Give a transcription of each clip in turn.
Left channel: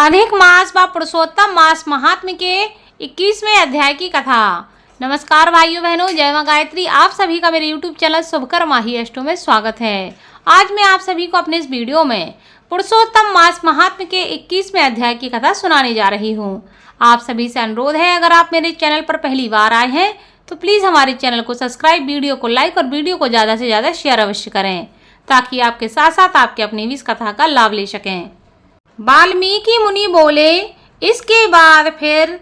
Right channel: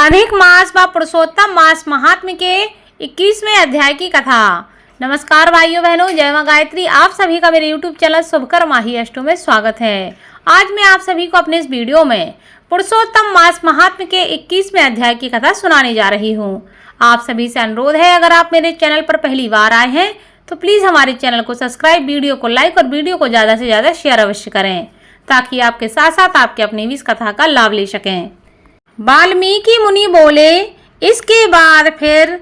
अधिक मास व पुरुषोत्तम मास महात्म्य के 21वें अध्याय की कथा। नमस्कार भाइयों बहनों, जय मां गायत्री। आप सभी का मेरे YouTube चैनल शुभकर माही अष्टो में स्वागत है। आज मैं आप सभी को अपने इस वीडियो में पुरुषोत्तम मास महात्म्य के 21वें अध्याय की कथा सुनाने जा रही हूँ। आप सभी से अनुरोध है, अगर आप मेरे चैनल पर पहली बार आए हैं तो प्लीज़ हमारे चैनल को सब्सक्राइब, वीडियो को लाइक और वीडियो को ज़्यादा से ज़्यादा शेयर अवश्य करें, ताकि आपके साथ साथ आपके अपनी भी इस कथा का लाभ ले सकें। वाल्मीकि मुनि बोले, इसके बाद फिर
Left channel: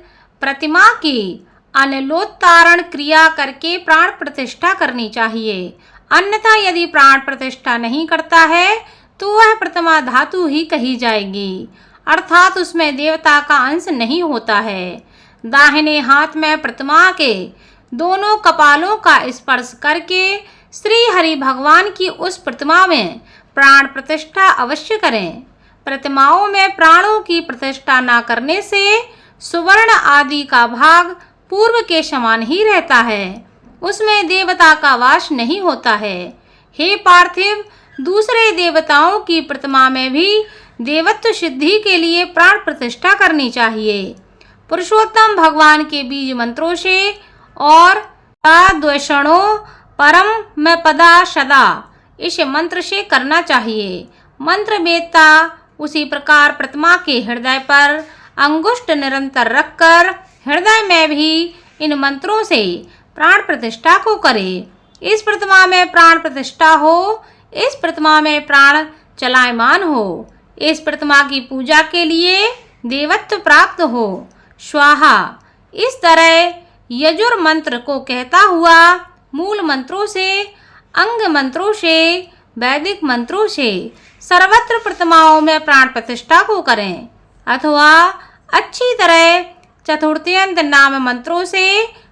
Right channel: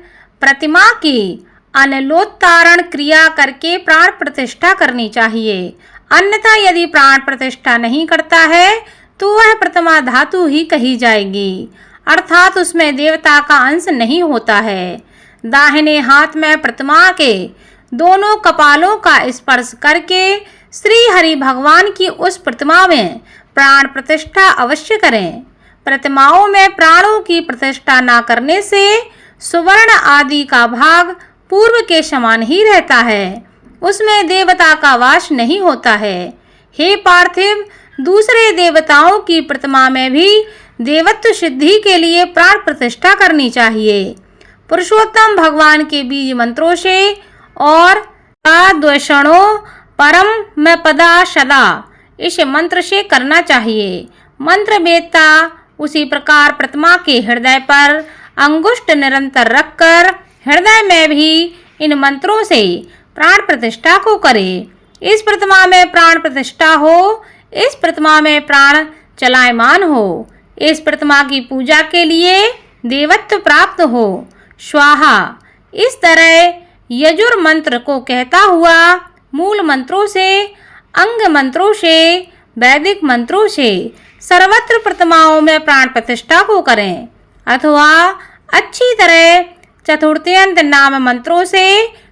प्रतिमा की अनलोत्तारण क्रिया करके प्राण प्रतिष्ठा करनी चाहिए। अन्यथा यदि प्राण प्रतिष्ठा नहीं करता है तो वह प्रतिमा धातु ही कही जाएगी, अर्थात उसमें देवता का अंश नहीं होता है। दाहिने हाथ में प्रतिमा के दोनों कपालों का स्पर्श करके श्री हरि भगवान की उस प्रतिमा में प्राण प्रतिष्ठा अवश्य करें। प्रतिमाओं में प्राणों की प्रतिष्ठा न करने से सुवर्ण आदि का भाग पूर्व के समान ही रहता है, उसमें देवता का वास नहीं होता है। हे पार्थिव, दूसरे देवताओं की प्रतिमा में भी देवत्व सिद्धि के लिए प्राण प्रतिष्ठा करनी चाहिए। पुरुषोत्तम भगवान के बीज मंत्रों से और अद्वैषणो परम में पदा सदा, इस मंत्र से करना चाहिए। मंत्र वेदता उसी प्रकार प्रतिमा के हृदय पर अंगुष्ठ निरंतर रखकर हृदय में भी इन मंत्रों से प्राण प्रतिष्ठा को करे। इस प्रतिमा में प्राण प्रतिष्ठा हो, इस प्रतिमा में प्राण चलायमान हो, इस प्रतिमा की पूजा के लिए देवत्व प्राप्त हो। स्वाहा, इस तरह यजुर मंत्र को कहता हुआ मूल मंत्रों से, अंग मंत्रों से, वैदिक मंत्रों से सर्वत्र प्रतिमाओं में प्राण प्रतिष्ठा को करें, अथवा अच्छी तरह चतुर्थ्यंत नाम मंत्रों से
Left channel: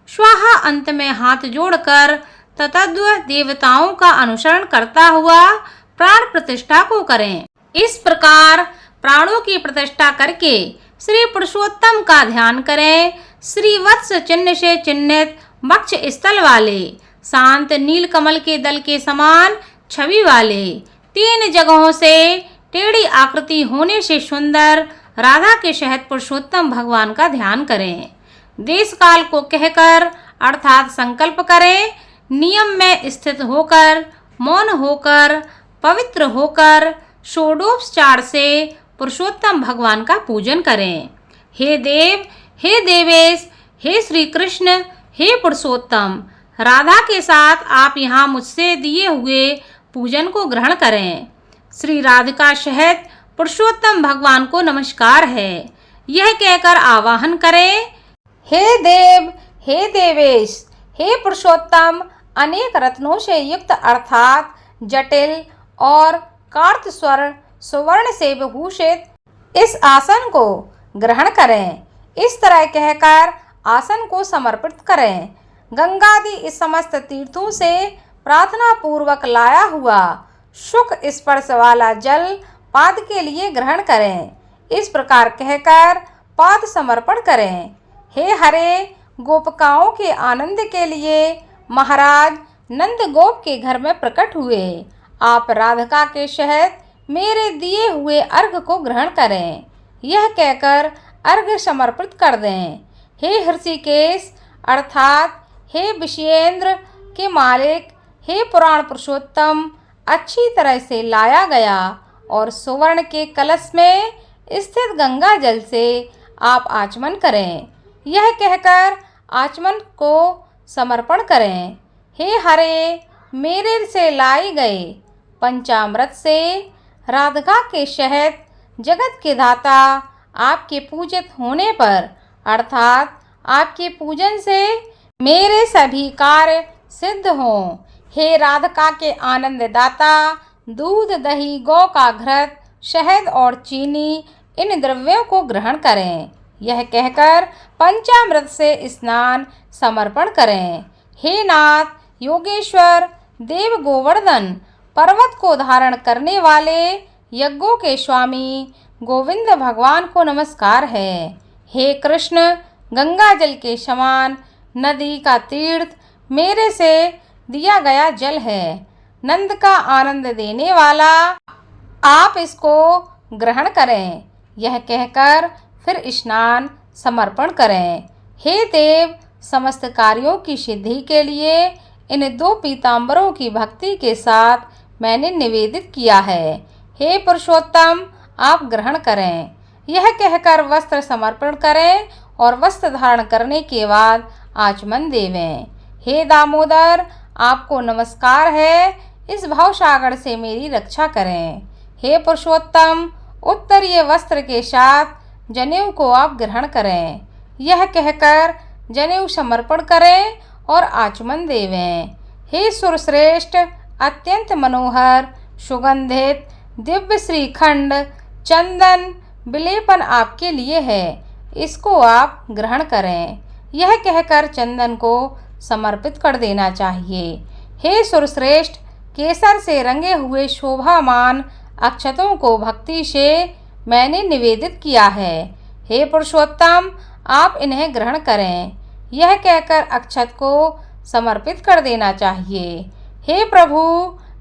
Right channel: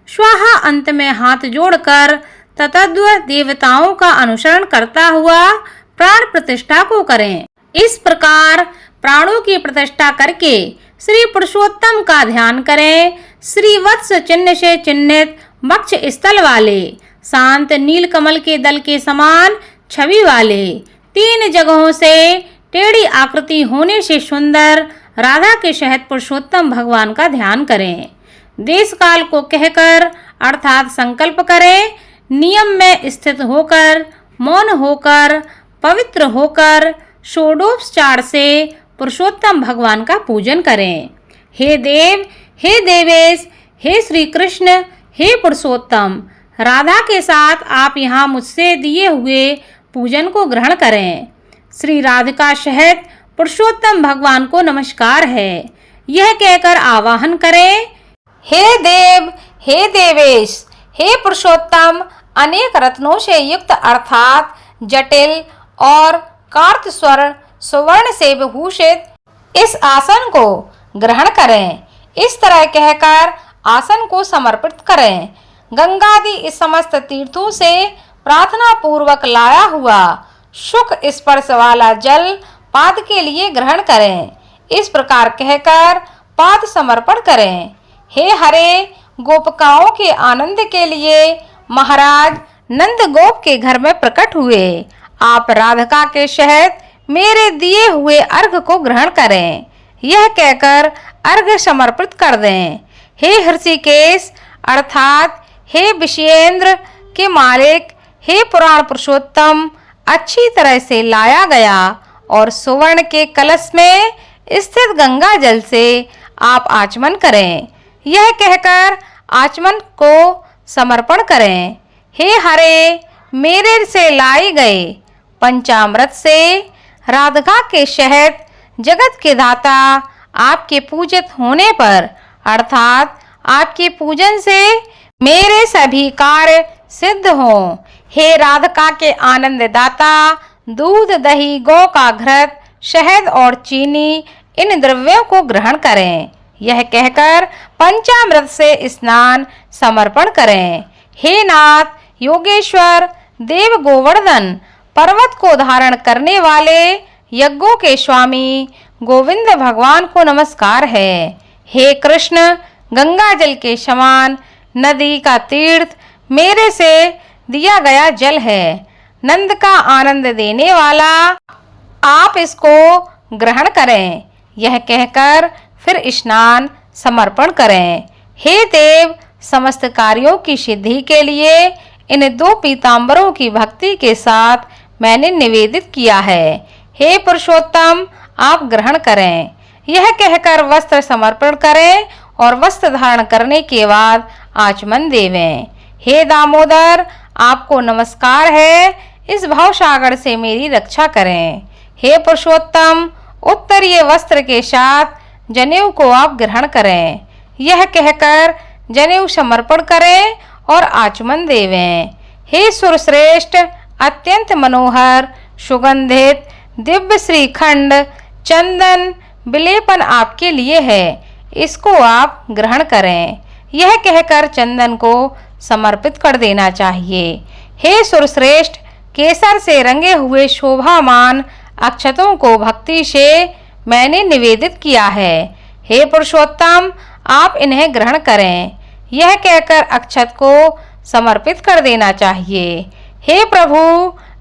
स्वाहा अंत में हाथ जोड़कर तत्व देवताओं का अनुसरण करता हुआ प्राण प्रतिष्ठा को करें। इस प्रकार प्राणों की प्रतिष्ठा करके श्री पुरुषोत्तम का ध्यान करें। श्री वत्स चिन्ह से चिन्हित वक्ष स्थल वाले, शांत नील कमल के दल के समान छवि वाले, 3 जगहों से टेढ़ी आकृति होने से सुंदर राधा के सहित पुरुषोत्तम भगवान का ध्यान करें। देश काल को कहकर अर्थात संकल्प करें। नियम में स्थित होकर, मौन होकर, पवित्र होकर षोडोपचार से पुरुषोत्तम भगवान का पूजन करें। हे देव, हे देवेश, हे श्री कृष्ण, हे पुरुषोत्तम, राधा के साथ आप यहाँ मुझसे दिए हुए पूजन को ग्रहण करें। श्री राधिका सहित पुरुषोत्तम भगवान को नमस्कार है, यह कहकर आवाहन करें। हे देव, हे देवेश, हे पुरुषोत्तम, अनेक रत्नों से युक्त अर्थात जटिल और कार्त स्वर्ण सुवर्ण से विभूषित इस आसन को ग्रहण करें। इस तरह कहकर आसन को समर्पित करें। गंगादि इस समस्त तीर्थों से प्रार्थना पूर्वक लाया हुआ सुख स्पर्श वाला जल पाद के लिए ग्रहण करें। इस प्रकार कहकर पाद समर्पण करें। हे हरे, गोपिकाओं के आनंद के लिए महाराज नंद गोप के घर में प्रकट हुए। आप राधिका के सहित मेरे दिए हुए अर्घ को ग्रहण करें, यह कहकर अर्घ समर्पित कर दें। हे हृषिकेश अर्थात हे विषयेंद्र के मालिक, हे पुराण पुरुषोत्तम, अच्छी तरह से लाया गया और सुवर्ण के कलश में स्थित गंगा जल से आप आचमन करें, यह कहकर आचमन को समर्पण करें। हे हरे, मेरे से लाए गए पंचामृत से राधिका के सहित जगत के दाता आपके पूजित होने पर अर्थात आपके पूजन से मेरे सभी कार्य सिद्ध हों। हे राधिका के आनंद दाता, दूध, दही, गौ का घृत, शहद और चीनी इन द्रव्यों को ग्रहण करें, यह कहकर पंचामृत से स्नान समर्पण करें। हे नाथ योगेश्वर, देव गोवर्धन, पर्वत को धारण करने वाले यज्ञों के स्वामी गोविंद भगवान को नमस्कार है। हे कृष्ण, गंगा जल के समान नदी का तीर्थ मेरे से दिया गया जल है, नंद का आनंद देने वाला, आप इसको ग्रहण करें, यह कहकर फिर स्नान समर्पण करें। हे देव, समस्त कार्यों की सिद्धि के लिए इन 2 पीतांबरों की भक्ति के साथ मैंने निवेदित किया है। हे पुरुषोत्तम, आप ग्रहण करें। यह कहकर वस्त्र समर्पण करें और वस्त्र धारण करने के बाद आचमन देवें। हे दामोदर, आपको नमस्कार है, इस भवसागर से मेरी रक्षा करें। हे पुरुषोत्तम, उत्तरीय वस्त्र के साथ जनेऊ को आप ग्रहण करें। यह कहकर जनेऊ समर्पण करें और आचमन देवें। हे सुरश्रेष्ठ, अत्यंत मनोहर सुगंधित दिव्य श्रीखंड चंदन विलेपन आपके लिए है, इसको आप ग्रहण करें। यह कहकर चंदन को समर्पित कर देना चाहिए। हे सुरश्रेष्ठ, केसर से रंगे हुए शोभामान अक्षतों को भक्ति से मैंने निवेदित किया है। हे पुरुषोत्तम, आप इन्हें ग्रहण करें। यह कहकर अक्षत को समर्पित कर देना चाहिए। हे प्रभु,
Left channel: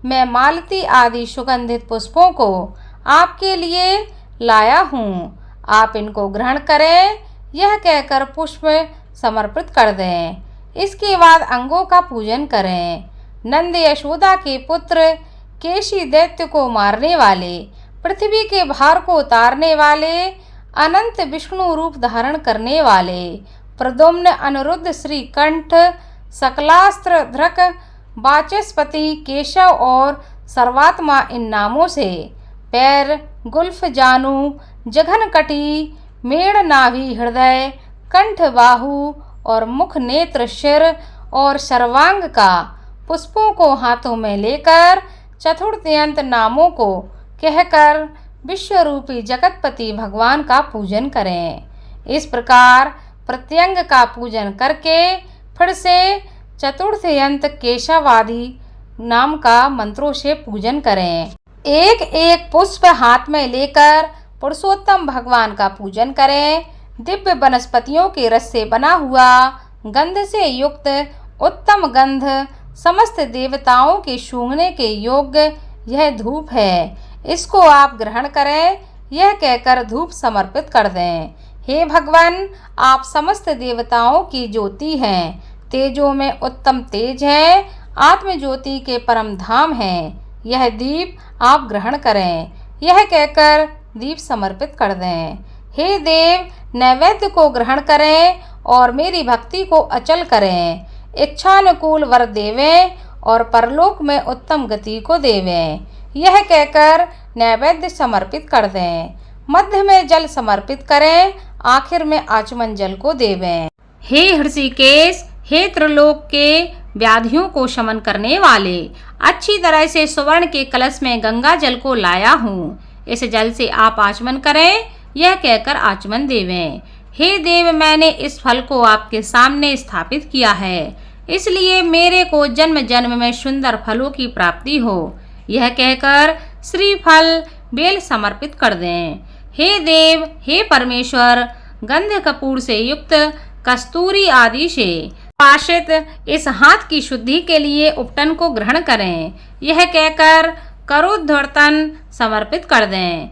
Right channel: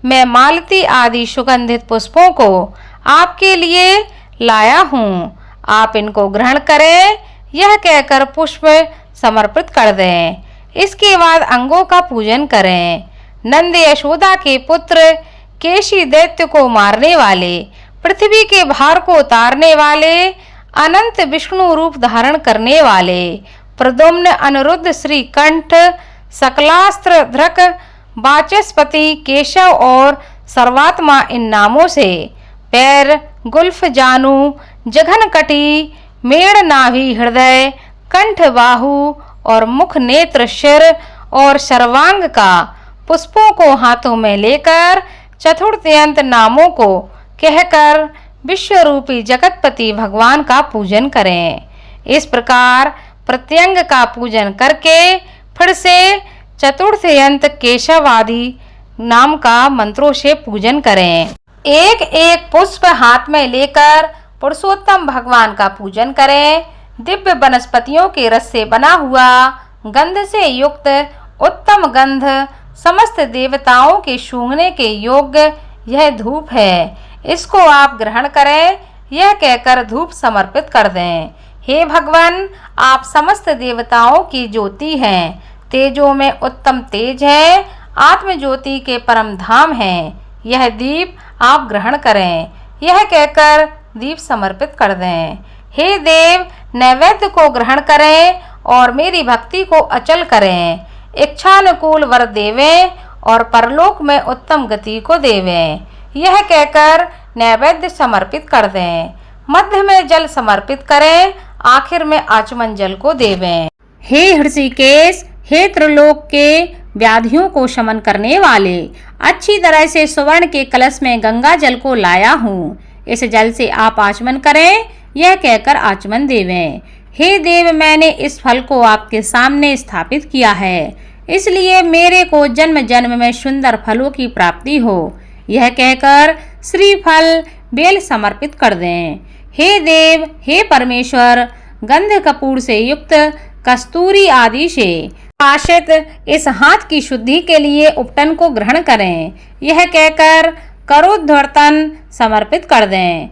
मैं मालती आदि सुगंधित पुष्पों को आपके लिए लाया हूँ, आप इनको ग्रहण करें। यह कहकर पुष्प समर्पित कर दें। इसके बाद अंगों का पूजन करें। नंद यशोदा के पुत्र, केशी दैत्य को मारने वाले, पृथ्वी के भार को उतारने वाले, अनंत विष्णु रूप धारण करने वाले, प्रद्युम्न, अनिरुद्ध, श्रीकंठ, सकलास्त्र धृक, वाचस्पति, केशव और सर्वात्मा इन नामों से पैर, गुल्फ, जानू, जघनकटी, मेड़, नाभि, हृदय, कंठ, बाहु और मुख, नेत्र, सिर और सर्वांग का पुष्पों को हाथों में लेकर चतुर्थयंत नामों को कहकर विश्वरूपी जगतपति भगवान का पूजन करें। इस प्रकार प्रत्यंग का पूजन करके फिर से चतुर्थयंत केशव आदि नाम का मंत्रों से पूजन करें। एक एक पुष्प हाथ में लेकर पुरुषोत्तम भगवान का पूजन करें। दिव्य वनस्पतियों के रस से बना हुआ गंध से युक्त उत्तम गंध समस्त देवताओं के सूंघने के योग्य यह धूप है, इसको आप ग्रहण करें। यह कहकर धूप समर्पित कर दें। हे भगवान, आप समस्त देवताओं की ज्योति हैं, तेजों में उत्तम तेज है, आत्म ज्योति के परम धाम हैं। यह दीप आप ग्रहण करें। यह कहकर दीप समर्पित कर दें। हे देव, नैवेद्य को ग्रहण करें और मेरी भक्ति को अचल करें। इच्छानुकूल वर देवें और परलोक में उत्तम गति को देवें। यह कहकर नैवेद्य समर्पित कर दें। मध्य में जल समर्पित करें, आखिर में आचमन जल को देवें। हे हृषिकेश, हे त्रिलोक के व्याधियों को शमन करने वाले, अच्छी तरह से सुवर्ण के कलश में गंगा जल को लाया हूँ, इस जल से आप आचमन करें। यह कहकर आचमन देवें। हे देव, मैंने इस फल को आपके सामने स्थापित किया है, इसलिए मेरे को जन्म जन्म में सुंदर फलों की प्राप्ति हो। यह कहकर श्रीफल बेल समर्पित कर दें। हे देव, हे परमेश्वर, गंध कपूर से युक्त कस्तूरी आदि से पाशित इस हाथ की शुद्धि के लिए उपटन को ग्रहण करें। यह कहकर करोद्धर्तन समर्पित कर दें।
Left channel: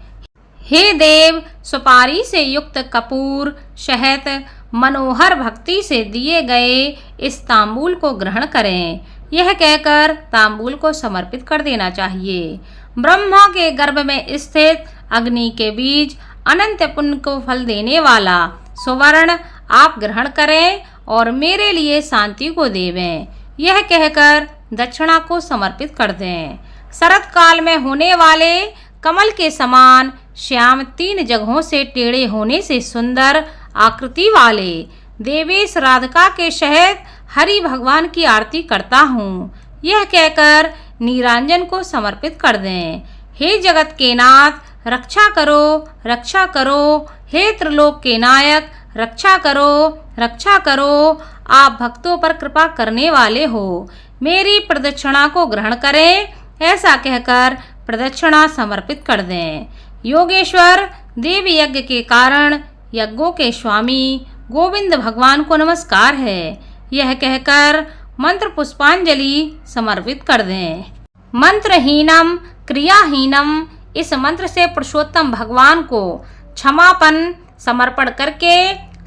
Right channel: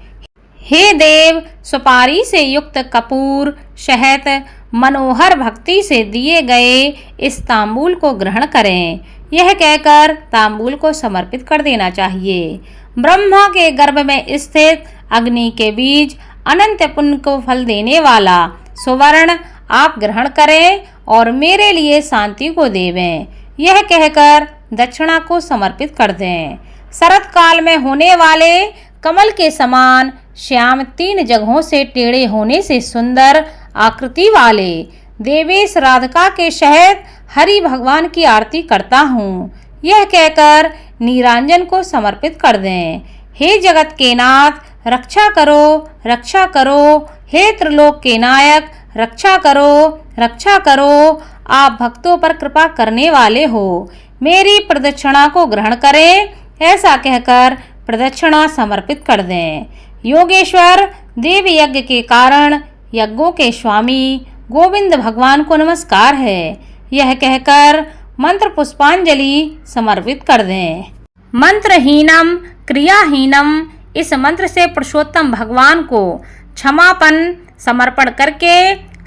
हे देव, सुपारी से युक्त कपूर शहद मनोहर भक्ति से दिए गए इस तांबूल को ग्रहण करें। यह कहकर तांबूल को समर्पित कर देना चाहिए। ब्रह्मा के गर्भ में स्थित अग्नि के बीज अनंत पुण्य को फल देने वाला सुवर्ण आप ग्रहण करें और मेरे लिए शांति को देवें। यह कहकर दक्षिणा को समर्पित कर दें। शरत काल में होने वाले कमल के समान श्याम 3 जगहों से टेढ़े होने से सुंदर आकृति वाले देवेश राधिका के शहद हरि भगवान की आरती करता हूँ। यह कहकर नीरांजन को समर्पित कर दें। हे जगत के नाथ, रक्षा करो, रक्षा करो। हे त्रिलोक के नायक, रक्षा करो, रक्षा करो। आप भक्तों पर कृपा करने वाले हो, मेरी प्रदक्षिणा को ग्रहण करें। ऐसा कहकर प्रदक्षिणा समर्पित कर दें। योगेश्वर, देव यज्ञ के कारण यज्ञों के स्वामी गोविंद भगवान को नमस्कार है। यह कहकर मंत्र पुष्पांजलि समर्पित कर दें। मंत्रहीनम क्रियाहीनम, इस मंत्र से पुरुषोत्तम भगवान को क्षमापन समर्पण करके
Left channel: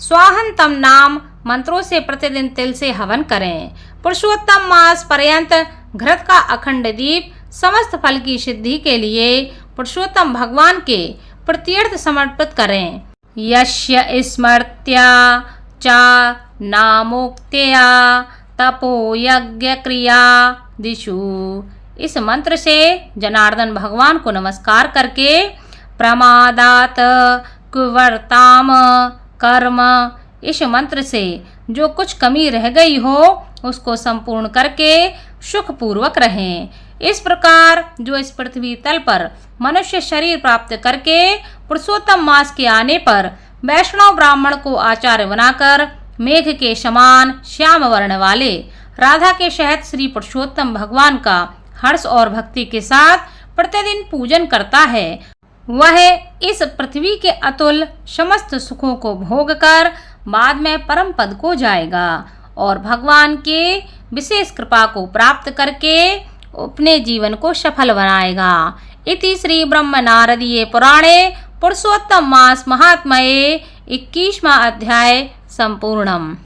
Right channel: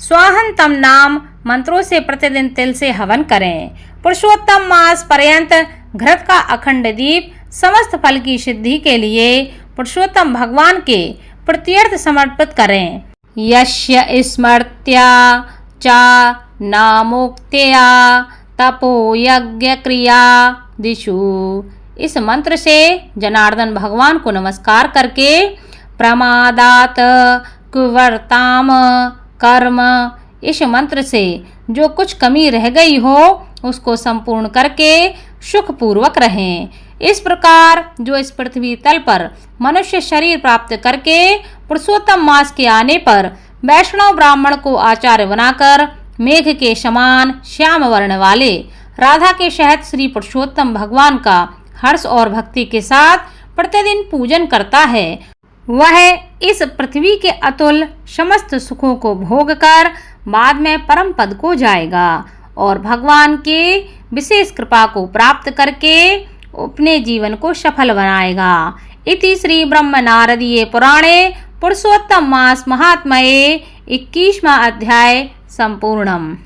स्वाहंतम नाम मंत्रों से प्रतिदिन तिल से हवन करें। पुरुषोत्तम मास पर्यंत घृत का अखंड दीप समस्त फल की सिद्धि के लिए पुरुषोत्तम भगवान के प्रत्यर्थ समर्पित करें। यस्य स्मृत्या चा नामोक्त्या तपो यज्ञ क्रिया दिशु। इस मंत्र से जनार्दन भगवान को नमस्कार करके प्रमादात कुवर्ताम कर्म, इस मंत्र से जो कुछ कमी रह गई हो उसको संपूर्ण करके सुखपूर्वक रहें। इस प्रकार जो इस पृथ्वी तल पर मनुष्य शरीर प्राप्त करके पुरुषोत्तम मास के आने पर वैष्णव ब्राह्मण को आचार्य बनाकर मेघ के समान श्याम वर्ण वाले राधा के सहित श्री पुरुषोत्तम भगवान का हर्ष और भक्ति के साथ प्रतिदिन पूजन करता है, वह इस पृथ्वी के अतुल समस्त सुखों को भोग कर बाद में परम पद को जाएगा और भगवान के विशेष कृपा को प्राप्त करके अपने जीवन को सफल बनाएगा। इति श्री ब्रह्म नारदीय पुराणे पुरुषोत्तम मास महात्म्ये 21वां अध्याय संपूर्णम।